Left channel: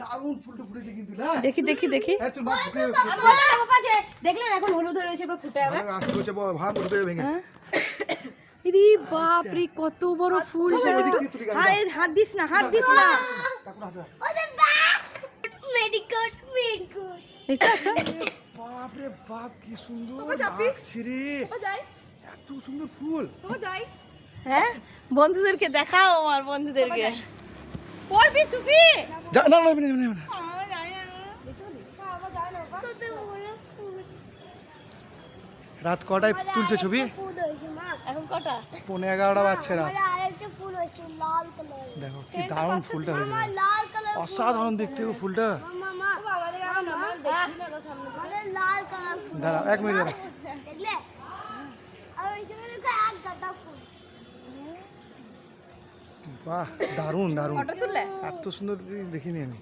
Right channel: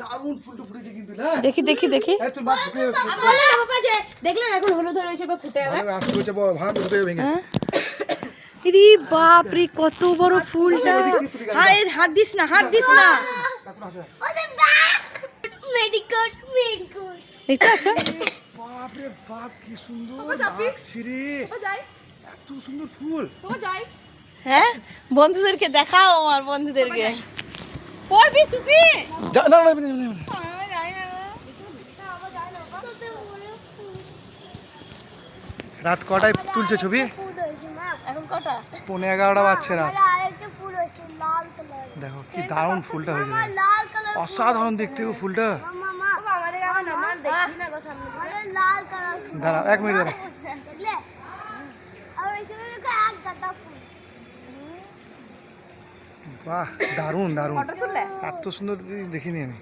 দারুণ ফুলটা ফুটেছে কিন্তু না। দেখি দেখি দেখি। এই তোর মা ফুটে বাবা যে দেখলেন এখন হলুদ হয়েছে বা ফুটে যাবে। ভালো আসতে হচ্ছে ভাব ফুটে ভেঙে। ইরি বাপ রে কত বড় ফুলটা। হাত দিস না, হাত দিস না। মেডিকট মেডিকট দেখতে আছো? বাপ রে বাপ কি সুন্দর লাগছে রে। এত সুন্দর ফুল। হ্যাঁ বন্ধুদেরকে দেখাও, আমার বন্ধুদেরকে। পড়বি সুফি? না না না রাত কটায় তুলছে ছবি? এখন কটা? 11:30 বাজছে রাত। আরেকটা ফুল আছে লাল কালার। দেখো কি দারুণ ফুলটা হয়েছে। লাল কালার অসাধারণ দেখতে গো ফুলটা। মামা আমাদের গাবে না মান দেখি না গো সামনে থেকে লাল কালার দাঁড়া 1 মিনিট দাঁড়া। দেখলে আর এইখানে দেখো এক গাদা ফুল বাহ দারুণ দারুণ। ফটো তুললে? এত সুন্দর দেখিনি আমি।